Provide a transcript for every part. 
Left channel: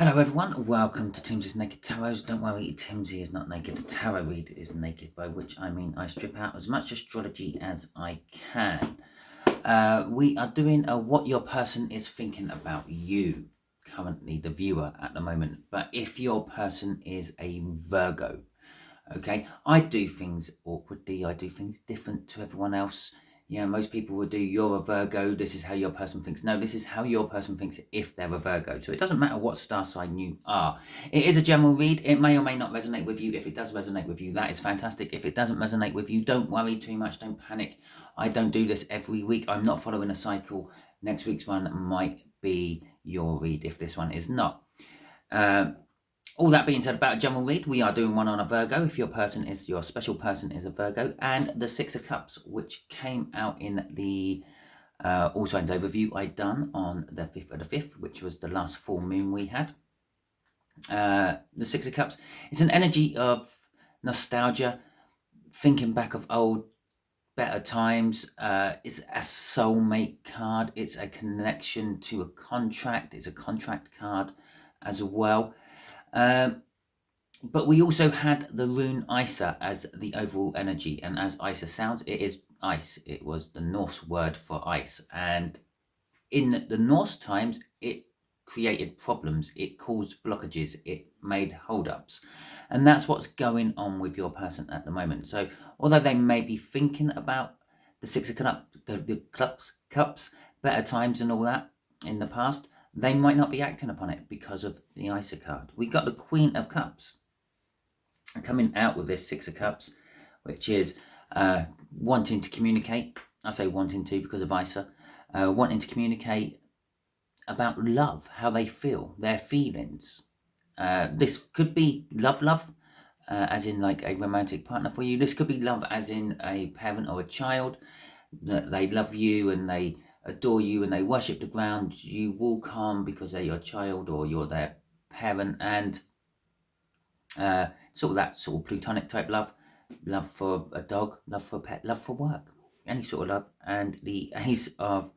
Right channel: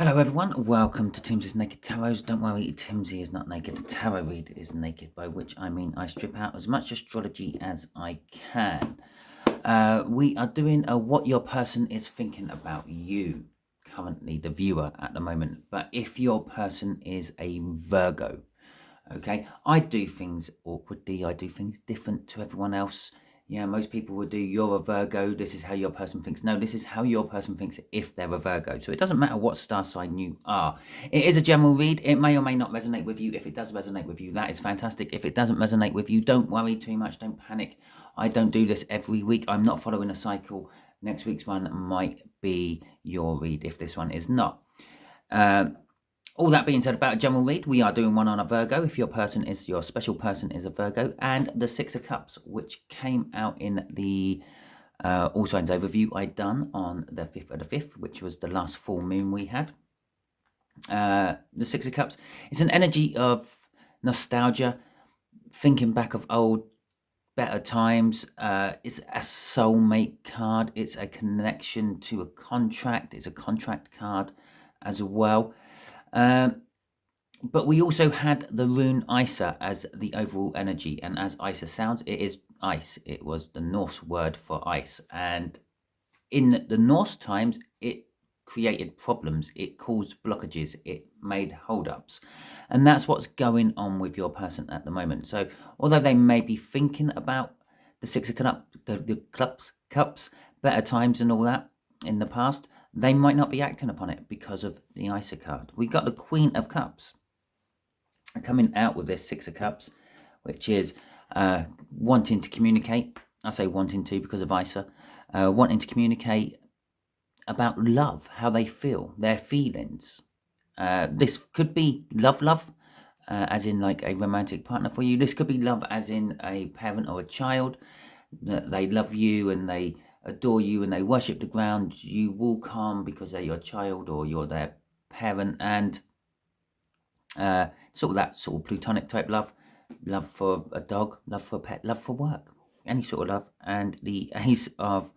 Hello everyone, welcome to Timsy's Naked Tarot. Don't worry, Timsy is not naked. The tarot read is naked, by which I mean I strip out as much astrology as I can. We are doing a what your person is thinking about you, currently the viewer at the moment. But if your person is a Virgo, okay, I do things awkwardly, I do things different to everyone else. Yeah, most people would do, you're a Virgo, this is how your person thinks. No, this is how your person thinks if they're a Virgo. So it doesn't matter what star sign you are. It is a general read. It may or may not resonate with you. If it does resonate with you, that is fantastic. If it doesn't resonate with you, don't worry too much. Don't panic. I don't do this every week. I'm not following a cycle. Next week's one might be your read if this one is not. All that being said about a general read, we are doing one on a Virgo if your special person is a Virgo, and the Six of Cups, which came out in the All Signs overview I done on the 5th of the 5th, which was the last full moon we had. The Six of Cups is an energy of nostalgia, thinking back of old, better times. It's a soulmate card. It's a connection to a contract. It's a contract card as well. But we also had the rune Isa as the overall energy, and as Isa sounds, it is ice. It was the Norse word for ice, and in the Norse times, it created problems, it caused blockages, it made holdups, and that's what's going on with your person at the moment. So, although they may be thinking about the Six of Cups, the cups, better times, and all that in the past, they might not be acting upon it because of the Isa card. We got the Queen of Cups coming out with this Six of Cups, which is wanting to communicate. I say wanting to because of Isa. Wanting to communicate about love, how they feel, their feelings. This could be love, as in like a romantic partner for you. This could be love as in a parent or a child, that they love you and they adore you and they worship the ground you walk on because they're your child or you're their parent, and sort of that sort of platonic type love for a dog, love for a pet, love for work, any sort of love. And the Ace of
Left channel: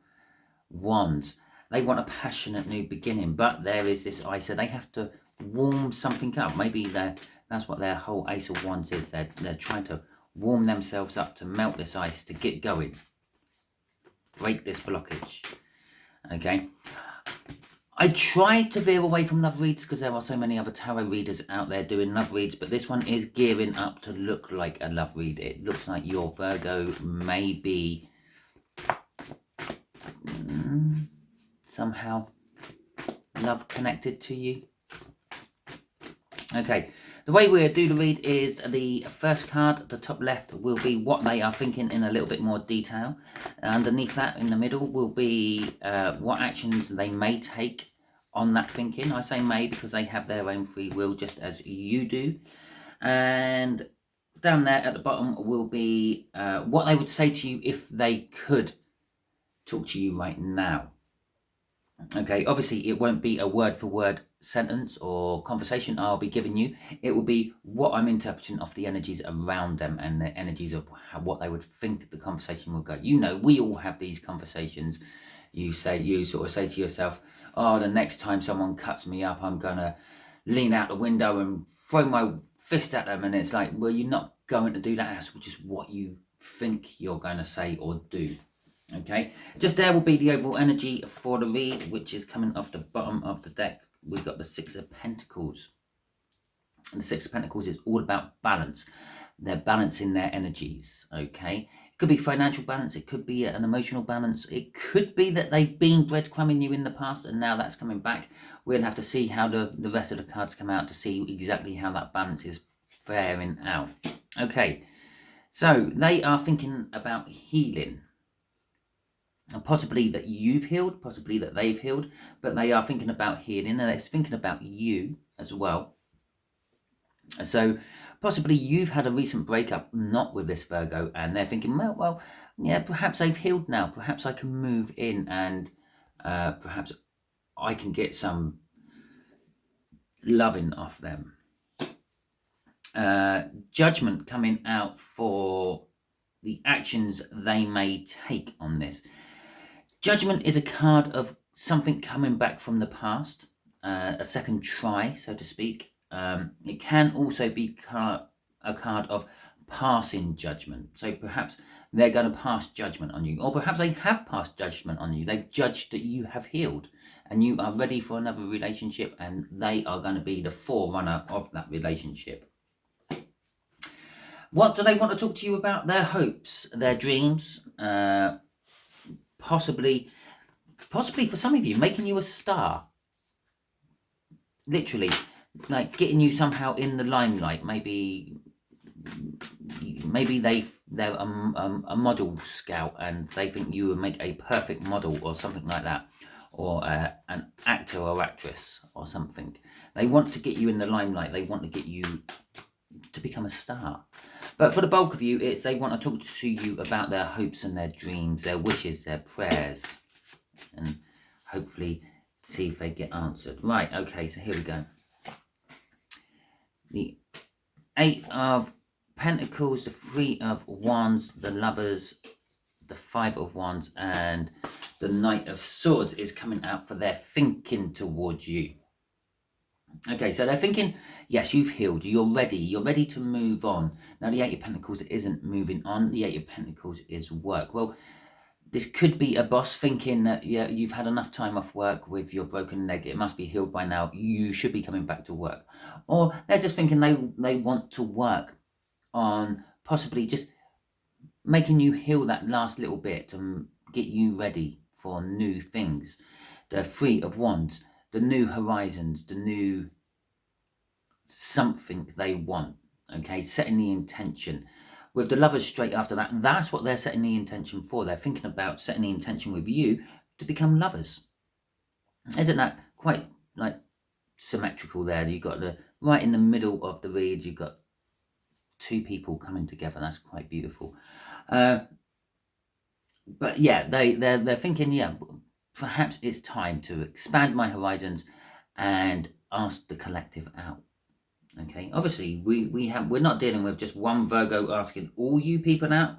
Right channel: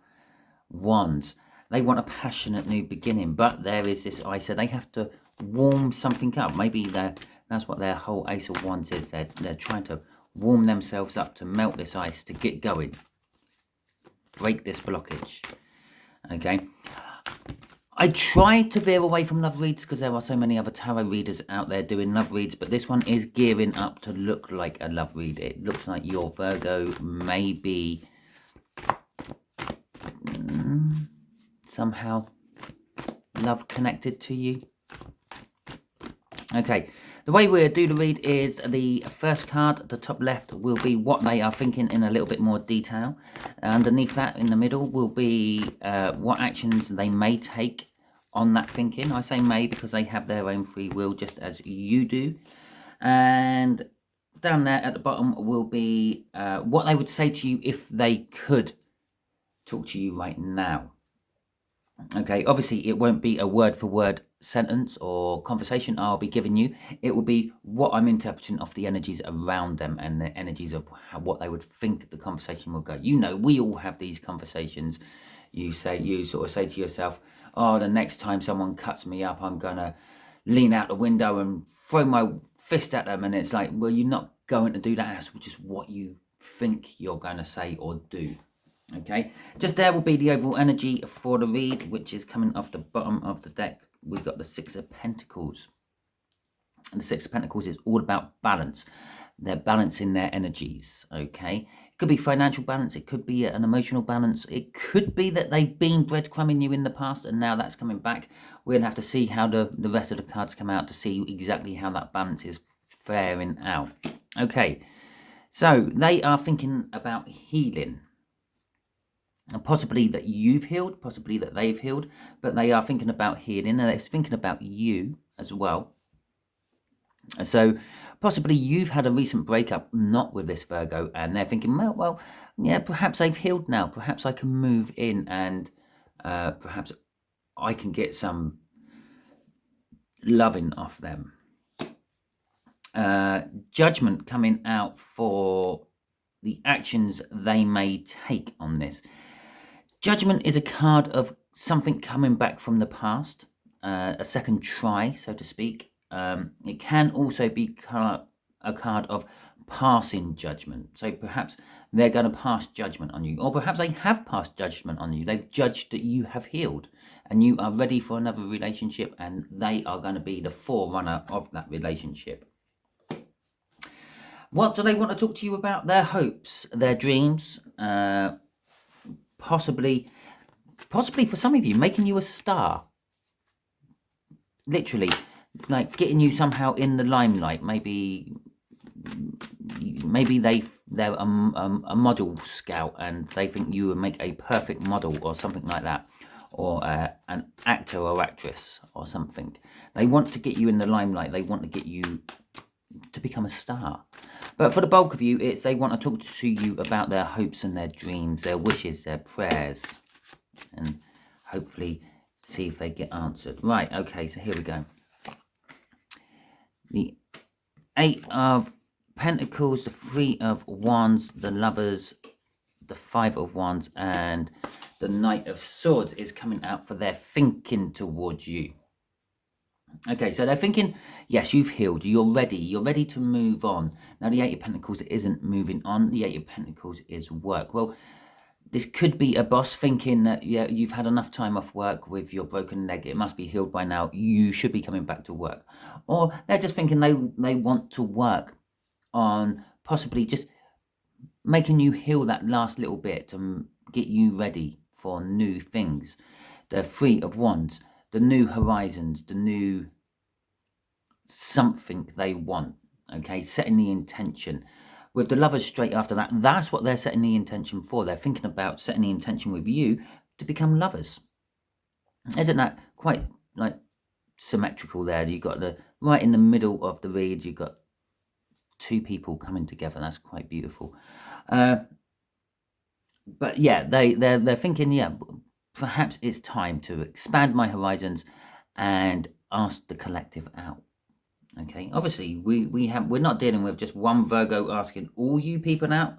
Wands, they want a passionate new beginning, but there is this Isa, they have to warm something up. Maybe that's what their whole Ace of Wands is. They're trying to warm themselves up to melt this ice, to get going, break this blockage. Okay, I tried to veer away from love reads because there are so many other tarot readers out there doing love reads, but this one is gearing up to look like a love read. It looks like your Virgo may be somehow love connected to you. Okay, the way we'll do the read is the first card, the top left, will be what they are thinking in a little bit more detail. Underneath that, in the middle, will be what actions they may take on that thinking. I say may because they have their own free will, just as you do. And down there at the bottom will be what they would say to you if they could talk to you right now. Okay, obviously it won't be a word-for-word sentence or conversation I'll be giving you. It will be what I'm interpreting of the energies around them and the energies of what they would think the conversation will go. You know, we all have these conversations. You sort of say to yourself, oh, the next time someone cuts me up, I'm gonna lean out the window and throw my fist at them. And it's like, well, you're not going to do that. That's just what you think you're going to say or do. Okay, just there will be the overall energy for the read, which is coming off the bottom of the deck. We've got the Six of Pentacles. And the Six of Pentacles is all about balance. They're balancing their energies, okay? It could be financial balance. It could be an emotional balance. It could be that they've been breadcrumbing you in the past and now that's coming back. We'll have to see how the rest of the cards come out to see exactly how that balance is faring out. Okay, so they are thinking about healing. And possibly that you've healed, possibly that they've healed, but they are thinking about healing, and they're thinking about you as well. So possibly you've had a recent breakup, not with this Virgo, and they're thinking, well, yeah, perhaps I've healed now. Perhaps I can move in, and perhaps I can get some loving off them. Judgment coming out for the actions they may take on this. Judgment is a card of something coming back from the past. a second try, so to speak. It can also be a card of passing judgment. So perhaps they're going to pass judgment on you, or perhaps they have passed judgment on you. They've judged that you have healed and you are ready for another relationship, and they are going to be the forerunner of that relationship. What do they want to talk to you about? Their hopes, their dreams, possibly for some of you, making you a star. Literally, like getting you somehow in the limelight. Maybe they're a model scout and they think you would make a perfect model or something like that, or an actor or actress or something. They want to get you in the limelight. They want to get you to become a star. But for the bulk of you, it's they want to talk to you about their hopes and their dreams, their wishes, their prayers, and hopefully see if they get answered. Right, okay, so here we go. The 8 of Pentacles, the 3 of Wands, the Lovers, the 5 of Wands, and the Knight of Swords is coming out for their thinking towards you. Okay, so they're thinking, yes, you've healed, you're ready to move on. Now the 8 of Pentacles isn't moving on, the 8 of Pentacles is work. Well, this could be a boss thinking that, yeah, you've had enough time off work with your broken leg, it must be healed by now, you should be coming back to work. Or they're just thinking they want to work on possibly just making you heal that last little bit to get you ready for new things. The 3 of Wands, the new horizons, the new something they want, okay, setting the intention. With the Lovers straight after that, that's what they're setting the intention for. They're thinking about setting the intention with you to become lovers. Isn't that quite like symmetrical there? You've got the right in the middle of the read, you've got 2 people coming together. That's quite beautiful. But yeah, they're thinking, yeah, perhaps it's time to expand my horizons and ask the collective out. Okay, obviously we're not dealing with just one Virgo asking all you people out.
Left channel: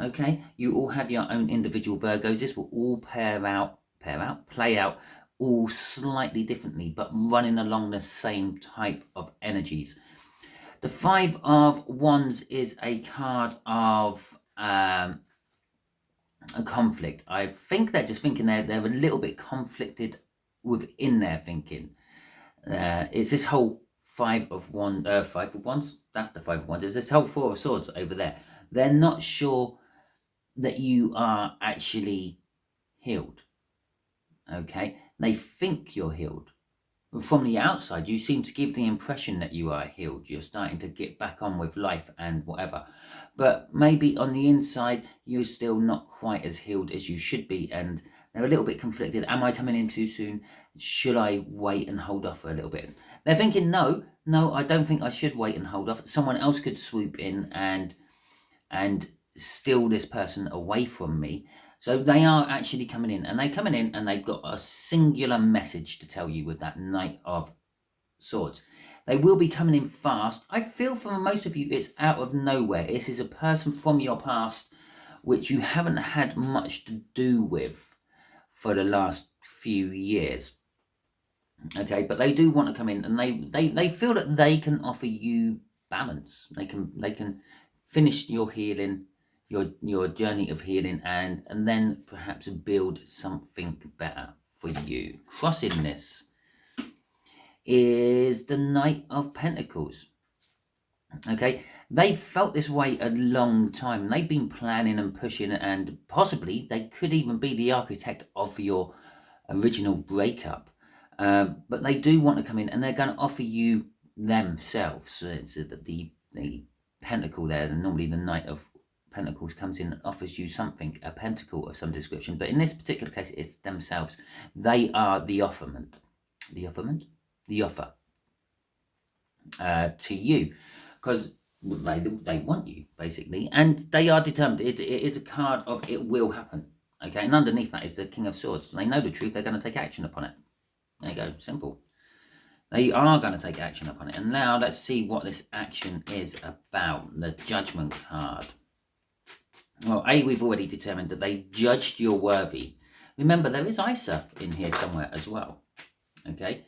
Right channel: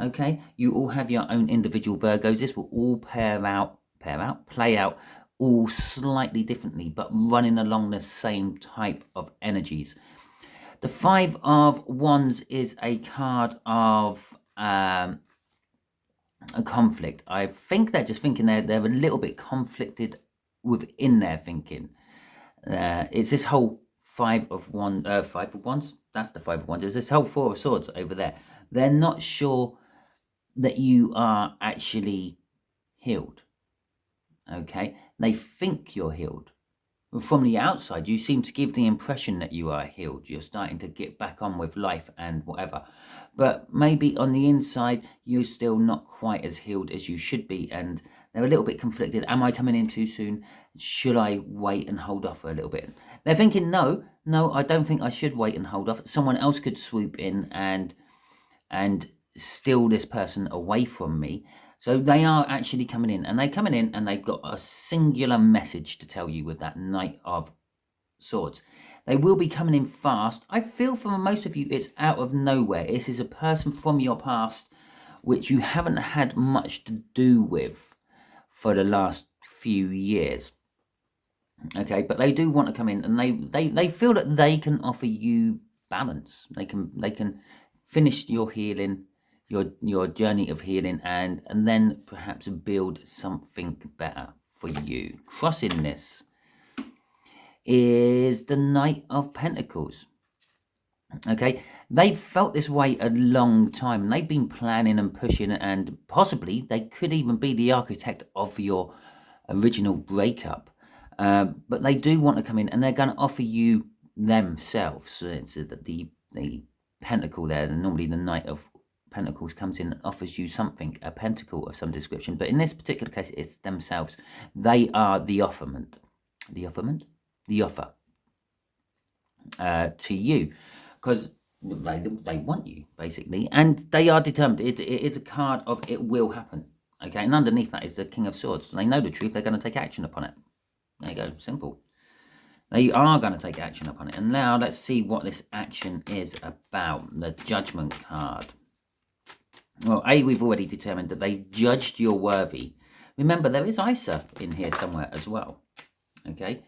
Okay, you all have your own individual Virgos. This will all play out all slightly differently, but running along the same type of energies. The 5 of Wands is a card of a conflict. I think they're just thinking they're a little bit conflicted within their thinking. It's this whole 5 of Wands. That's the 5 of Wands. There's this whole 4 of Swords over there. They're not sure that you are actually healed. Okay, they think you're healed. From the outside, you seem to give the impression that you are healed. You're starting to get back on with life and whatever. But maybe on the inside, you're still not quite as healed as you should be. And they're a little bit conflicted. Am I coming in too soon? Should I wait and hold off for a little bit? They're thinking, no, I don't think I should wait and hold off. Someone else could swoop in and steal this person away from me. So they are actually coming in, and they've got a singular message to tell you with that Knight of Swords. They will be coming in fast. I feel for most of you, it's out of nowhere. This is a person from your past which you haven't had much to do with for the last few years. Okay, but they do want to come in, and they feel that they can offer you balance. They can finish your healing, your journey of healing, and then perhaps build something better for you. Crossing this is the Knight of Pentacles. Okay, they've felt this way a long time. They've been planning and pushing, and possibly they could even be the architect of your original breakup. But they do want to come in, and they're going to offer you themselves. So it's the pentacle there, and normally the Knight of Pentacles comes in and offers you something, a pentacle of some description. But in this particular case, it's themselves. They are the offerment. The offer to you, because they want you, basically, and they are determined. It is a card of it will happen. Okay, and underneath that is the King of Swords. They know the truth. They're going to take action upon it. There you go, simple. They are going to take action upon it. And now let's see what this action is about. The Judgment card. Well, we've already determined that they judged you're worthy. Remember, there is Isa in here somewhere as well. Okay,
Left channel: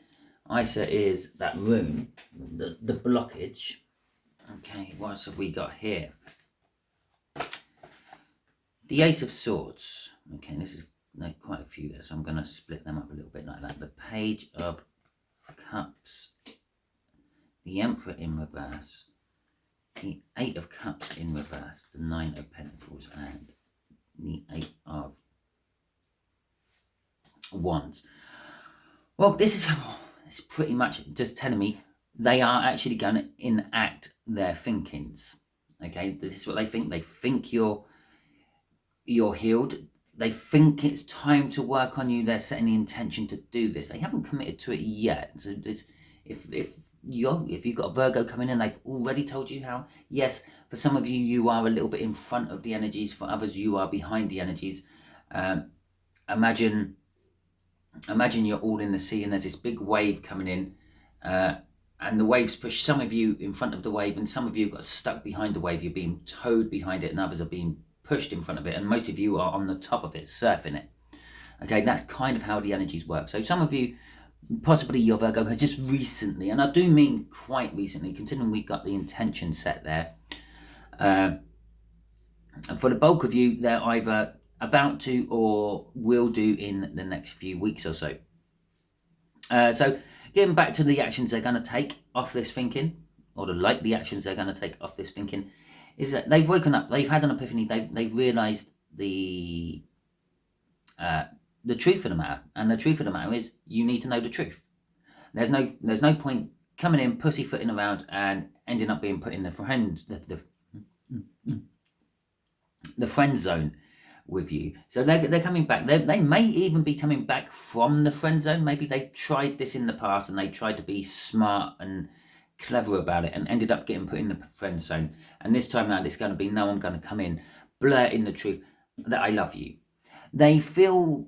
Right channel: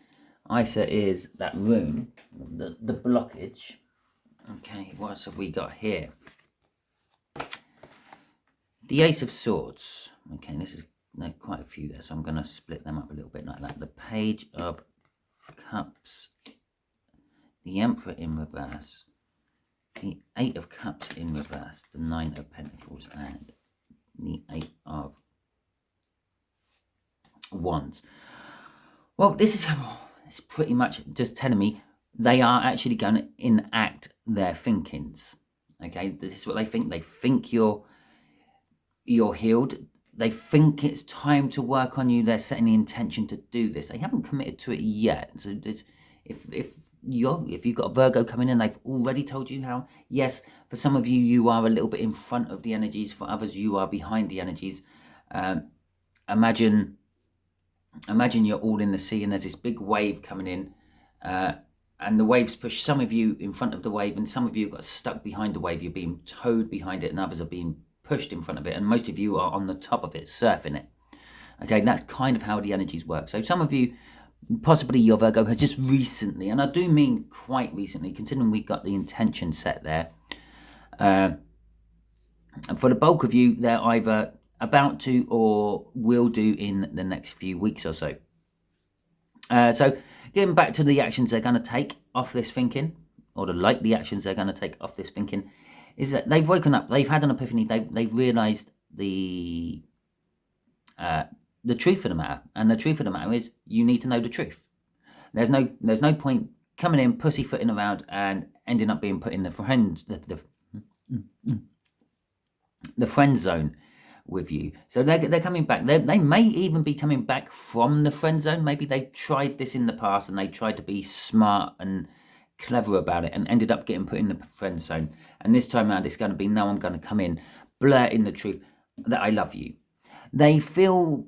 Isa is that rune, the blockage. Okay, what else have we got here? The Ace of Swords. Okay, this is quite a few there, so I'm going to split them up a little bit like that. The Page of Cups, the Emperor in reverse, the Eight of Cups in reverse, the Nine of Pentacles, and the Eight of Wands. Well, this is it's pretty much just telling me they are actually going to enact their thinkings. Okay, this is what they think. They think you're healed. They think it's time to work on you. They're setting the intention to do this. They haven't committed to it yet. So if you've got a Virgo coming in, they've already told you how. Yes, for some of you, you are a little bit in front of the energies. For others, you are behind the energies. Imagine you're all in the sea and there's this big wave coming in, and the waves push some of you in front of the wave, and some of you got stuck behind the wave. You're being towed behind it, and others are being pushed in front of it, and most of you are on the top of it, surfing it. Okay, that's kind of how the energies work. So some of you, possibly your Virgo, has just recently, and I do mean quite recently, considering we got the intention set there, and for the bulk of you, they're either about to or will do in the next few weeks or so. So getting back to the actions they're going to take off this thinking, or the likely actions they're going to take off this thinking, is that they've woken up, they've had an epiphany, they've realised the truth of the matter, and the truth of the matter is you need to know the truth. There's no point coming in pussyfooting around and ending up being put in the friend zone with you. So they're coming back. They may even be coming back from the friend zone. Maybe they tried this in the past and they tried to be smart and clever about it and ended up getting put in the friend zone. And this time around, it's going to be, no, I'm going to come in, blurting the truth that I love you. They feel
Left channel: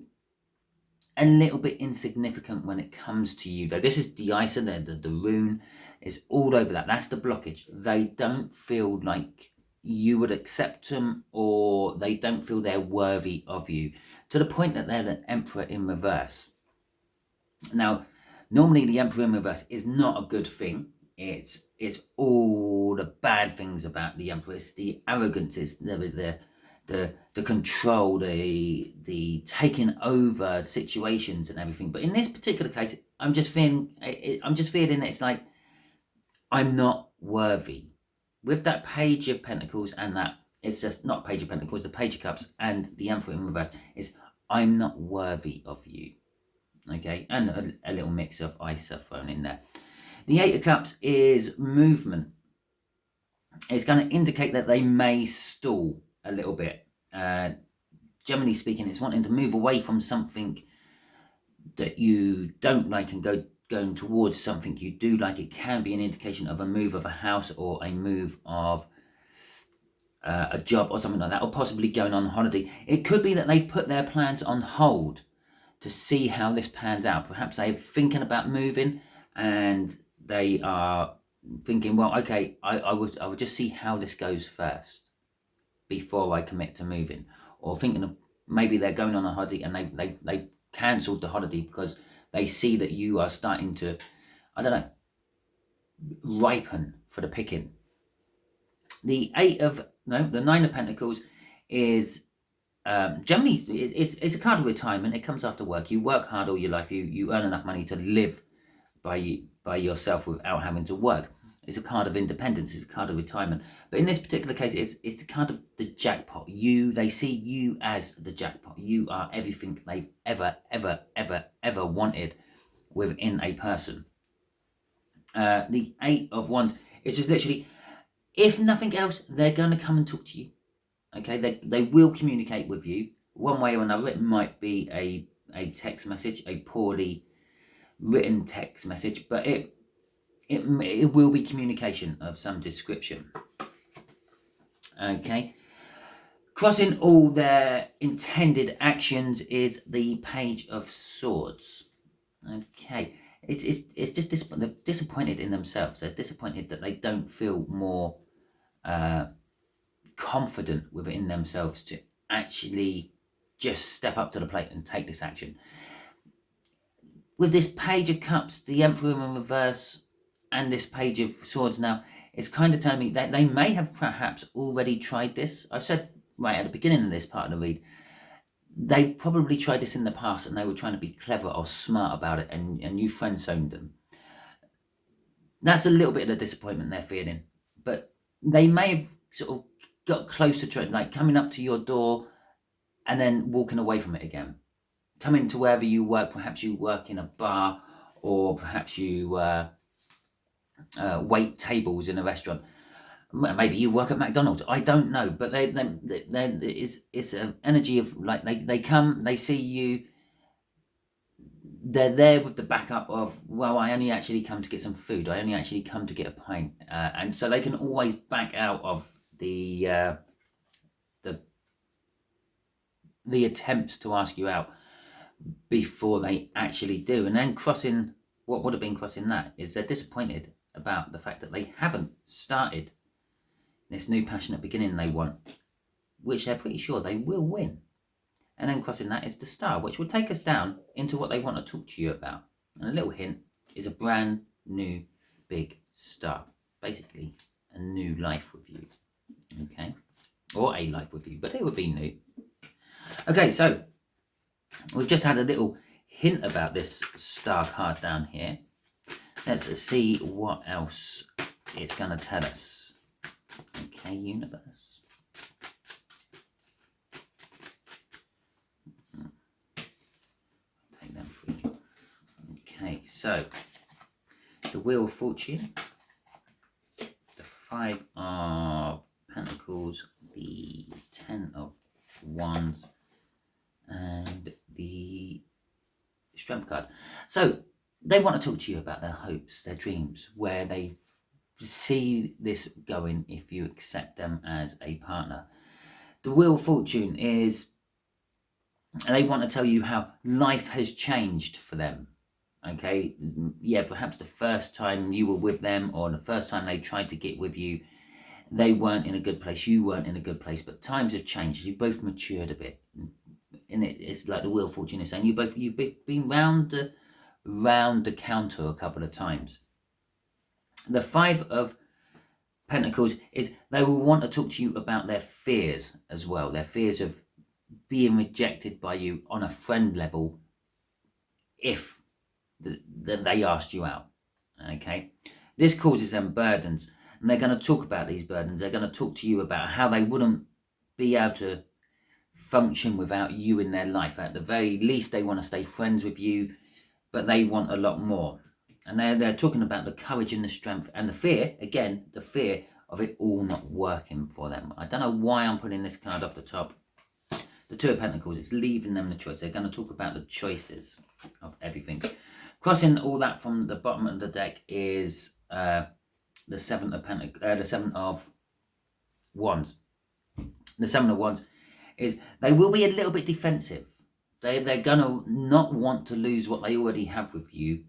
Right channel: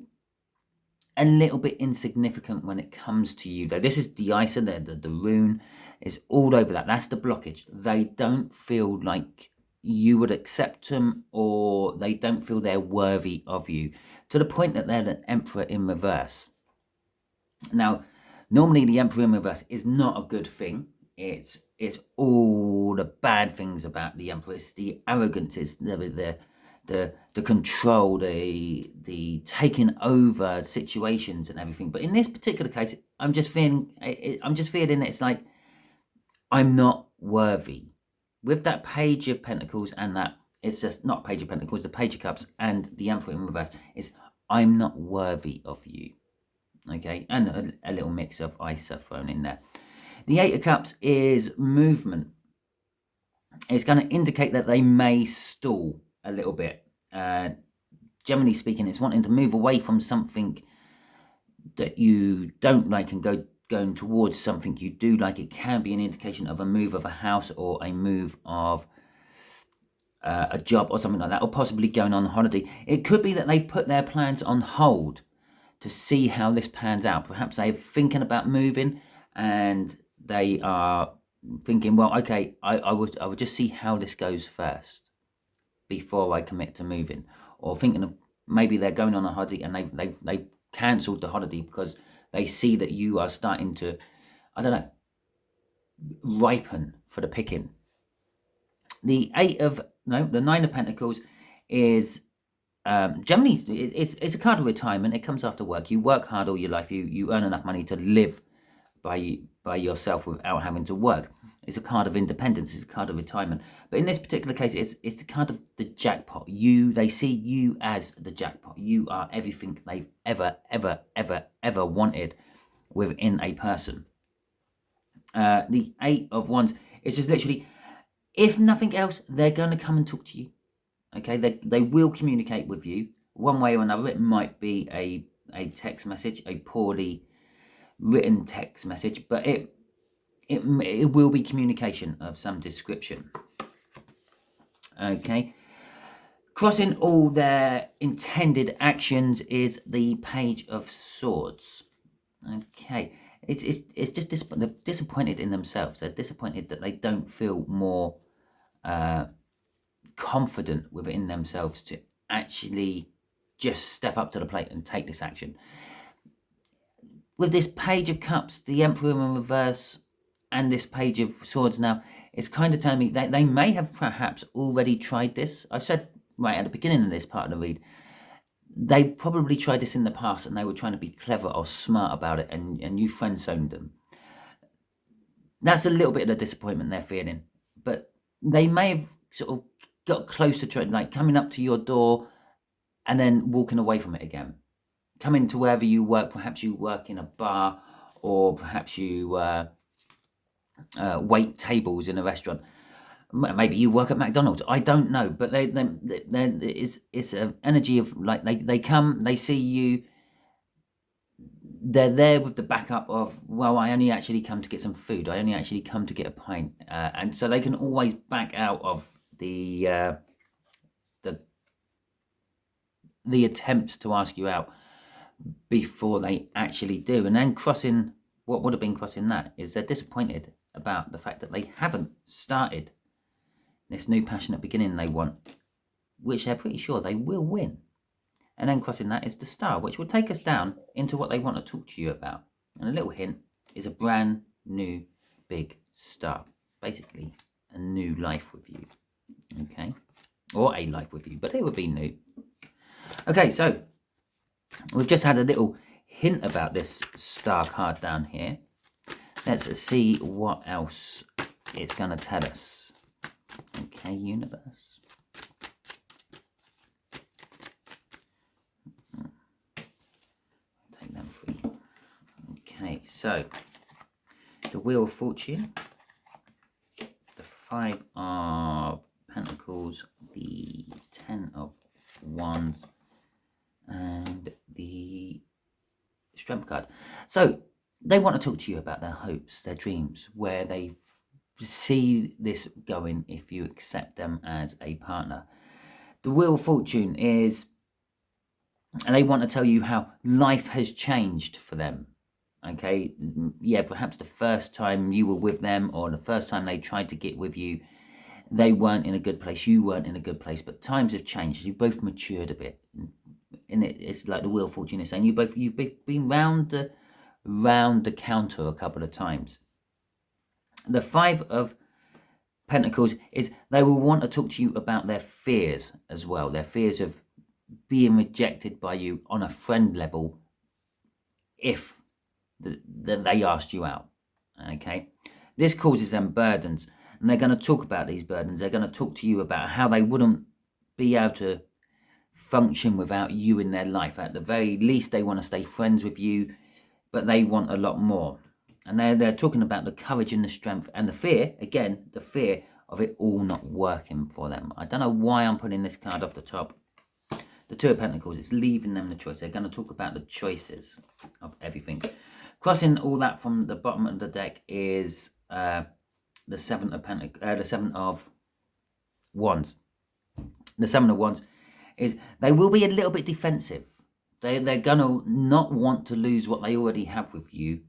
a little bit insignificant when it comes to you, though. This is the Isa, the rune is all over that. That's the blockage. They don't feel like you would accept them, or they don't feel they're worthy of you, to the point that they're the Emperor in reverse. Now, normally the Emperor in reverse is not a good thing. It's all the bad things about the Emperor. It's the arrogance, it's the control, the taking over situations and everything. But in this particular case, I'm just feeling it's like I'm not worthy. With that Page of Pentacles and that, it's just not Page of Pentacles, the Page of Cups and the Emperor in reverse, is I'm not worthy of you. Okay, and a little mix of Isa thrown in there. The Eight of Cups is movement. It's going to indicate that they may stall a little bit. Generally speaking, it's wanting to move away from something that you don't like and going towards something you do like. It can be an indication of a move of a house, or a move of a job or something like that, or possibly going on holiday. It could be that they've put their plans on hold to see how this pans out. Perhaps they're thinking about moving and they are thinking, well, okay, I would just see how this goes first before I commit to moving. Or thinking of maybe they're going on a holiday and they've cancelled the holiday because they see that you are starting to, I don't know, ripen for the picking. The Nine of Pentacles is generally it's a card of retirement. It comes after work. You work hard all your life. You earn enough money to live by yourself without having to work. It's a card of independence. It's a card of retirement. But in this particular case, it's the card of the jackpot. They see you as the jackpot. You are everything they've ever wanted within a person. The Eight of Wands is just literally, if nothing else, they're going to come and talk to you. Okay, they will communicate with you one way or another. It might be a text message, a poorly written text message, but it will be communication of some description. Okay, crossing all their intended actions is the Page of Swords. Okay, it's just they're disappointed in themselves. They're disappointed that they don't feel more confident within themselves to actually just step up to the plate and take this action. with this Page of Cups, the Emperor in reverse, and this Page of Swords now, it's kind of telling me that they may have perhaps already tried this. I said right at the beginning of this part of the read, they probably tried this in the past and they were trying to be clever or smart about it, and you friend-zoned them. That's a little bit of the disappointment they're feeling. But they may have sort of got close to trying, like coming up to your door and then walking away from it again. Coming to wherever you work, perhaps you work in a bar, or perhaps you wait tables in a restaurant. Maybe you work at McDonald's. I don't know, but it's an energy of like they come, they see you. They're there with the backup of, well, I only actually come to get some food. I only actually come to get a pint, and so they can always back out of the attempts to ask you out before they actually do. And then crossing, what would have been crossing that is they're disappointed about the fact that they haven't started this new passionate beginning they want, which they're pretty sure they will win. And then crossing that is the Star, which will take us down into what they want to talk to you about. And a little hint is a brand new big start. Basically, a new life review. Okay? Or a life review, but it would be new. Okay, so we've just had a little hint about this Star card down here. Let's see what else it's going to tell us. Okay, universe. Take them three. Okay, so the Wheel of Fortune, the Five of Pentacles, the Ten of Wands, and the Strength card. So they want to talk to you about their hopes, their dreams, where they see this going if you accept them as a partner. The Wheel of Fortune is, and they want to tell you how life has changed for them. Okay, yeah, perhaps the first time you were with them, or the first time they tried to get with you, they weren't in a good place, you weren't in a good place, but times have changed. You both matured a bit, and it's like the Wheel of Fortune is saying, you've been round the counter a couple of times. The Five of Pentacles is they will want to talk to you about their fears as well, their fears of being rejected by you on a friend level if they asked you out. Okay, this causes them burdens, and they're going to talk about these burdens. They're going to talk to you about how they wouldn't be able to function without you in their life. At the very least, they want to stay friends with you, but they want a lot more. And they're talking about the courage and the strength and the fear, again, the fear of it all not working for them. I don't know why I'm putting this card off the top. The Two of Pentacles, it's leaving them the choice. They're going to talk about the choices of everything. Crossing all that from the bottom of the deck is the Seven of Wands. The Seven of Wands is they will be a little bit defensive. They're going to not want to lose what they already have with you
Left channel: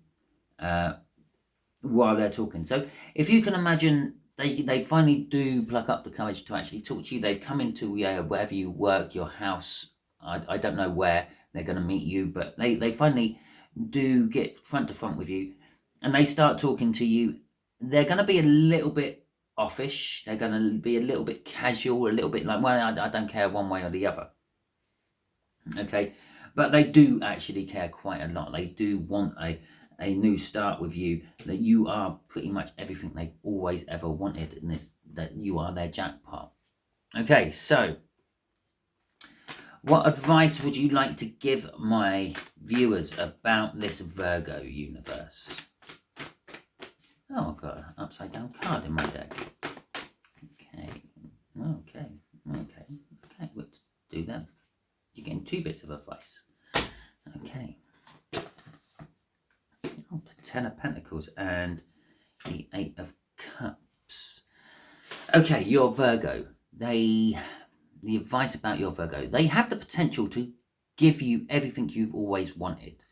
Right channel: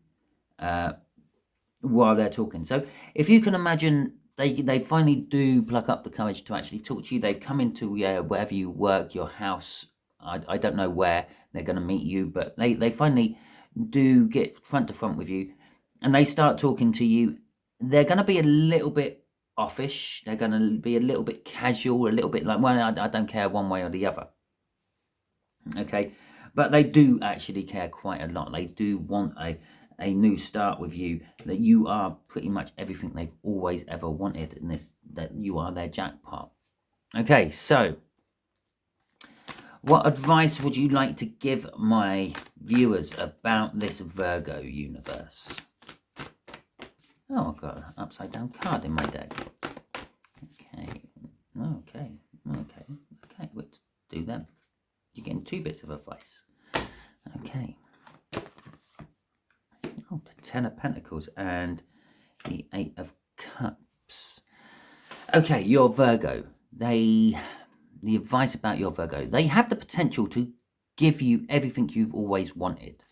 while they're talking. So if you can imagine, they finally do pluck up the courage to actually talk to you. They've come into wherever you work, your house. I don't know where they're going to meet you, but they finally do get front to front with you, and they start talking to you. They're going to be a little bit offish. They're going to be a little bit casual, a little bit like, well, I don't care one way or the other. Okay, but they do actually care quite a lot. They do want a new start with you, that you are pretty much everything they've always ever wanted, in this, that you are their jackpot. Okay, so what advice would you like to give my viewers about this Virgo universe? Oh, I've got an upside down card in my deck. Okay, let's do that. You're getting two bits of advice. Okay. Oh, the Ten of Pentacles and the Eight of Cups. Okay, your Virgo. The advice about your Virgo. They have the potential to give you everything you've always wanted.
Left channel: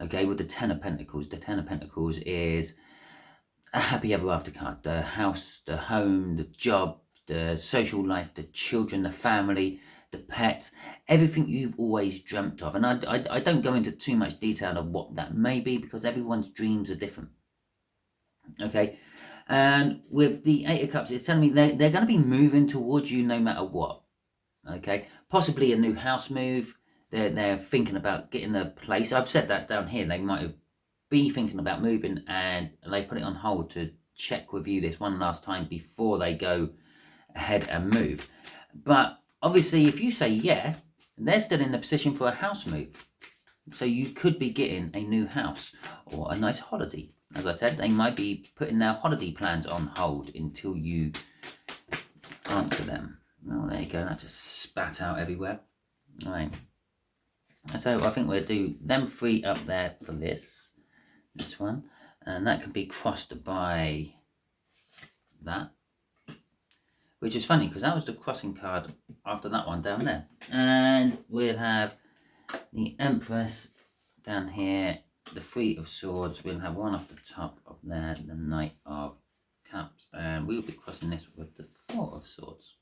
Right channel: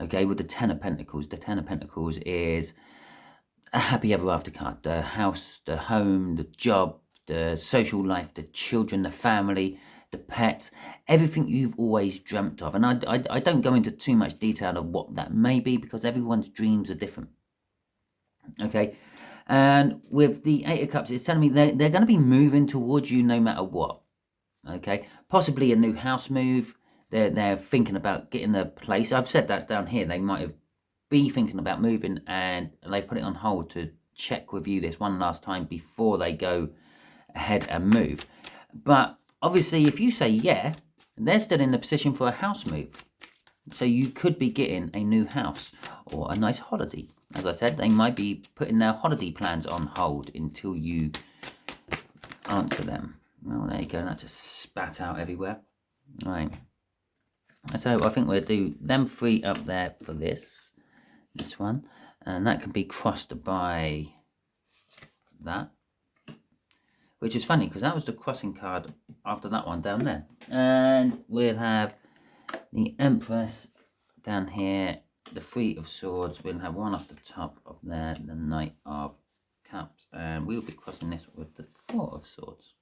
Okay, with the Ten of Pentacles. The Ten of Pentacles is a happy ever after card. The house, the home, the job, the social life, the children, the family. the pets, everything you've always dreamt of. And I don't go into too much detail of what that may be, because everyone's dreams are different. Okay, and with the Eight of Cups, it's telling me they're going to be moving towards you no matter what. Okay, possibly a new house move. They're thinking about getting a place. I've said that down here. They might have be thinking about moving, and they've put it on hold to check with you this one last time before they go ahead and move. But obviously, if you say yeah, they're still in the position for a house move. So you could be getting a new house or a nice holiday. As I said, they might be putting their holiday plans on hold until you answer them. Well, there you go. That just spat out everywhere. All right. So I think we'll do them three up there for this one. And that can be crossed by that. Which is funny, because that was the crossing card after that one down there. And we'll have the Empress down here, the Three of Swords. We'll have one off the top of there, the Knight of Cups. And we'll be crossing this with the Four of Swords.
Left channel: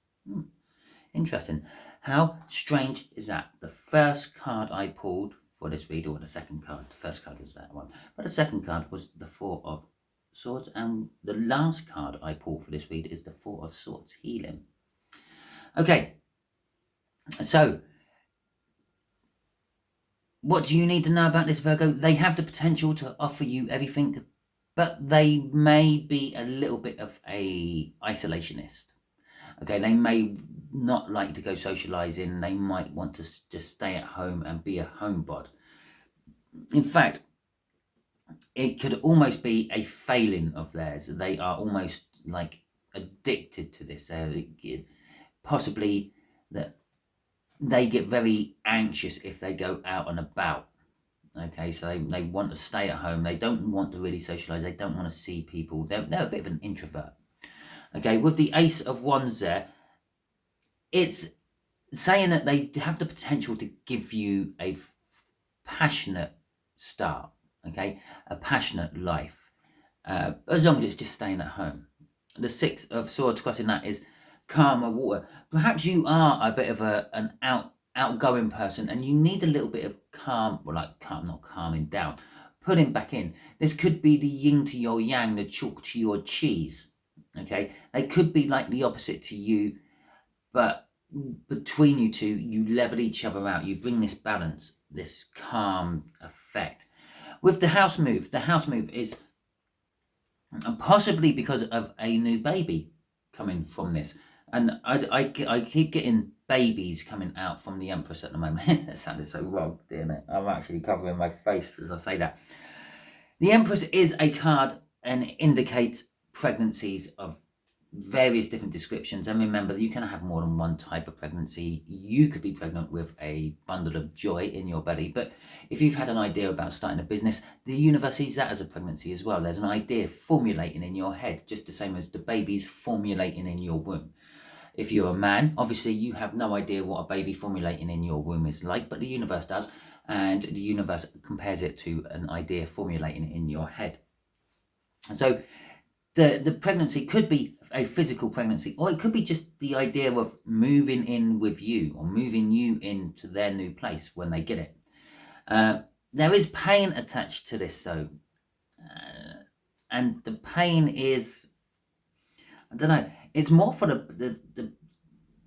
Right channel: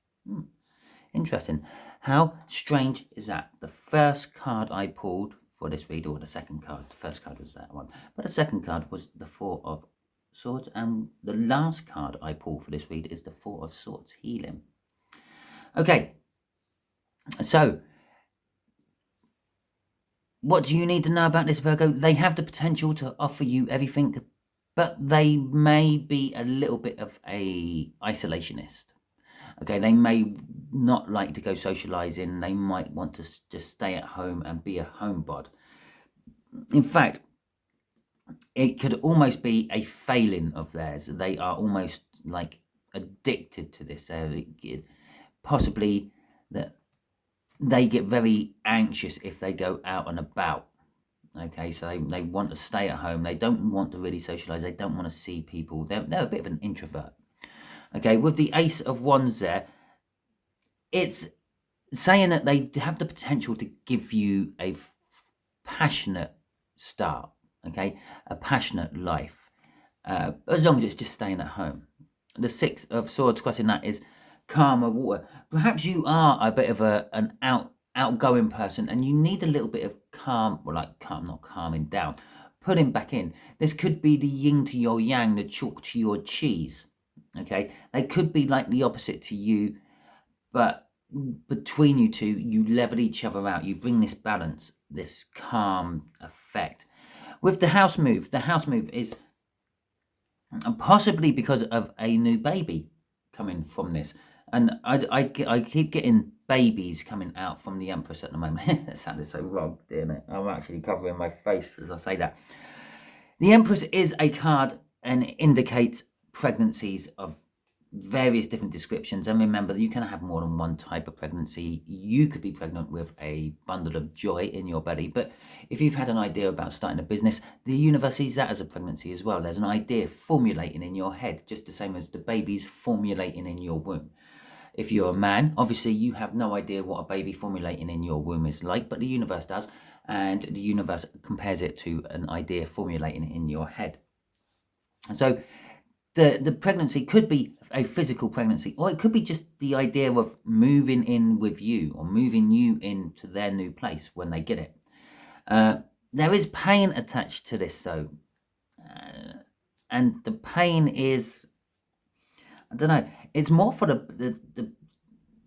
Interesting. How strange is that? The first card I pulled for this read, or the second card, the first card was that one, but the second card was the Four of Swords, and the last card I pulled for this read is the Four of Swords, healing. Okay, so what do you need to know about this, Virgo? They have the potential to offer you everything, but they may be a little bit of a isolationist. Okay, they may not like to go socializing. They might want to just stay at home and be a homebod. In fact, it could almost be a failing of theirs. They are almost like addicted to this. Possibly that they get very anxious if they go out and about. Okay, so they want to stay at home. They don't want to really socialize. They don't want to see people. They're a bit of an introvert. Okay, with the Ace of Wands there, it's saying that they have the potential to give you a passionate start, okay, a passionate life, as long as it's just staying at home. The Six of Swords crossing that is calmer water. Perhaps you are a bit of an outgoing person, and you need a little bit of calm, well, like calm, not calming down, putting back in. This could be the yin to your yang, the chalk to your cheese. Okay, they could be like the opposite to you, but between you two, you level each other out. You bring this balance, this calm effect. With the house move is possibly because of a new baby coming from this. And I keep getting babies coming out from the Empress at the moment. That sounded so wrong, didn't it? I'm actually covering my face as I say that. The Empress is a card and it indicates pregnancies of various different descriptions. And remember, you can have more than one type of pregnancy. You could be pregnant with a bundle of joy in your belly, but if you've had an idea about starting a business, the universe sees that as a pregnancy as well. There's an idea formulating in your head, just the same as the baby's formulating in your womb. If you're a man, obviously you have no idea what a baby formulating in your womb is like, but the universe does, and the universe compares it to an idea formulating in your head. So the pregnancy could be a physical pregnancy, or it could be just the idea of moving in with you, or moving you into their new place when they get it. There is pain attached to this, though, and the pain is, I don't know, it's more for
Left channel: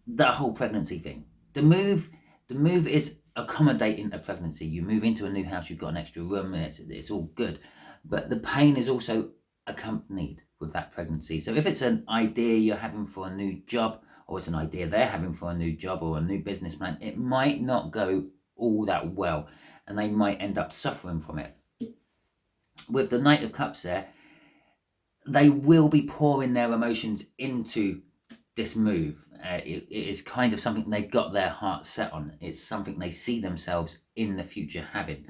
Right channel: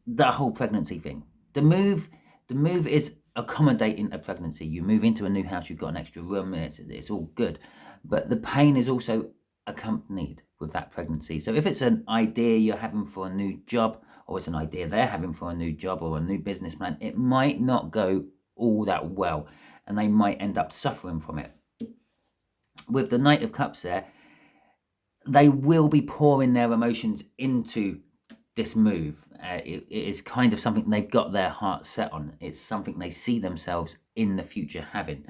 the whole pregnancy thing. The move is accommodating a pregnancy. You move into a new house, you've got an extra room, and it's all good, but the pain is also accompanied with that pregnancy. So if it's an idea you're having for a new job, or it's an idea they're having for a new job or a new business plan, it might not go all that well, and they might end up suffering from it. With the Knight of Cups there, they will be pouring their emotions into this move. It is kind of something they've got their heart set on. It's something they see themselves in the future having.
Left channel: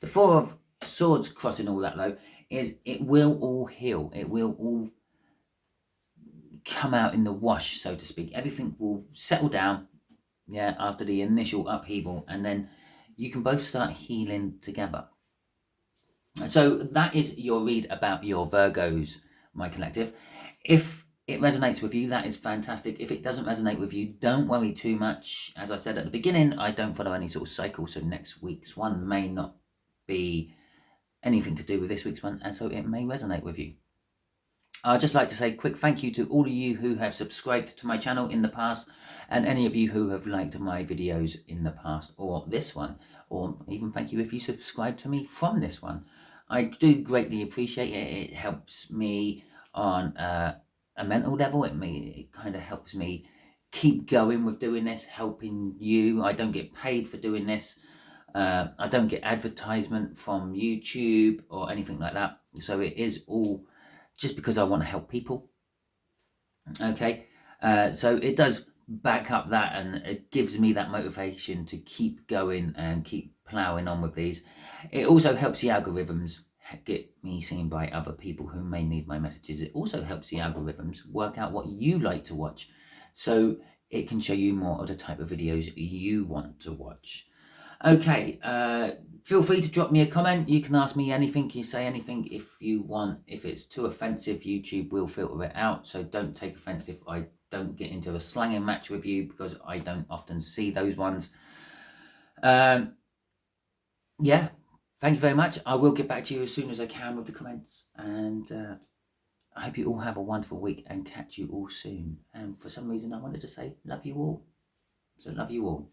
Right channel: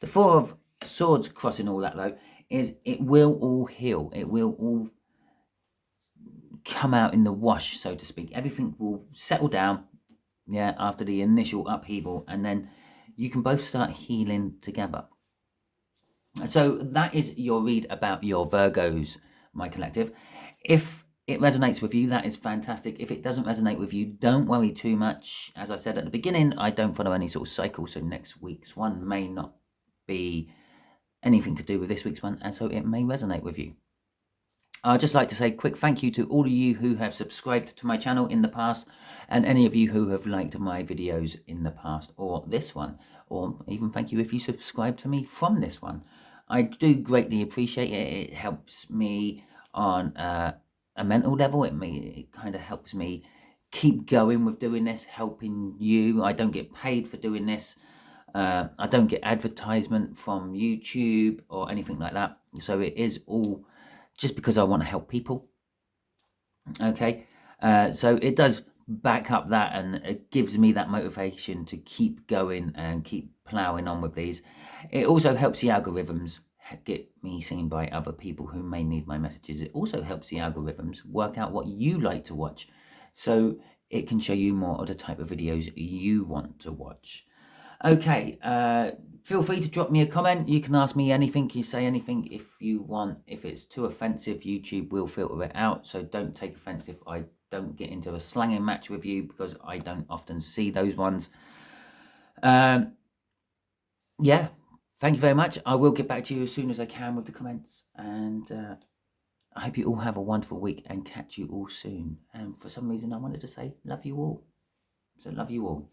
The Four of Swords crossing all that, though, is it will all heal. It will all come out in the wash, so to speak. Everything will settle down, yeah, after the initial upheaval, and then you can both start healing together. So that is your read about your Virgos, my collective. If it resonates with you, that is fantastic. If it doesn't resonate with you, don't worry too much. As I said at the beginning, I don't follow any sort of cycle, so next week's one may not be anything to do with this week's one, and so it may resonate with you. I'd just like to say a quick thank you to all of you who have subscribed to my channel in the past, and any of you who have liked my videos in the past, or this one, or even thank you if you subscribe to me from this one. I do greatly appreciate it. It helps me on a mental level. It kind of helps me keep going with doing this, helping you. I don't get paid for doing this. I don't get advertisement from YouTube or anything like that. So it is all just because I want to help people. Okay, so it does back up that, and it gives me that motivation to keep going and keep ploughing on with these. It also helps the algorithms get me seen by other people who may need my messages. It also helps the algorithms work out what you like to watch, so it can show you more of the type of videos you want to watch. Okay, feel free to drop me a comment. You can ask me anything, you say anything if you want. If it's too offensive, YouTube will filter it out, so don't take offense if I don't get into a slanging match with you, because I don't often see those ones. Yeah, thank you very much. I will get back to you as soon as I can with the comments, and I hope you all have a wonderful week and catch you all soon. And for some reason I wanted to say love you all, so love you all.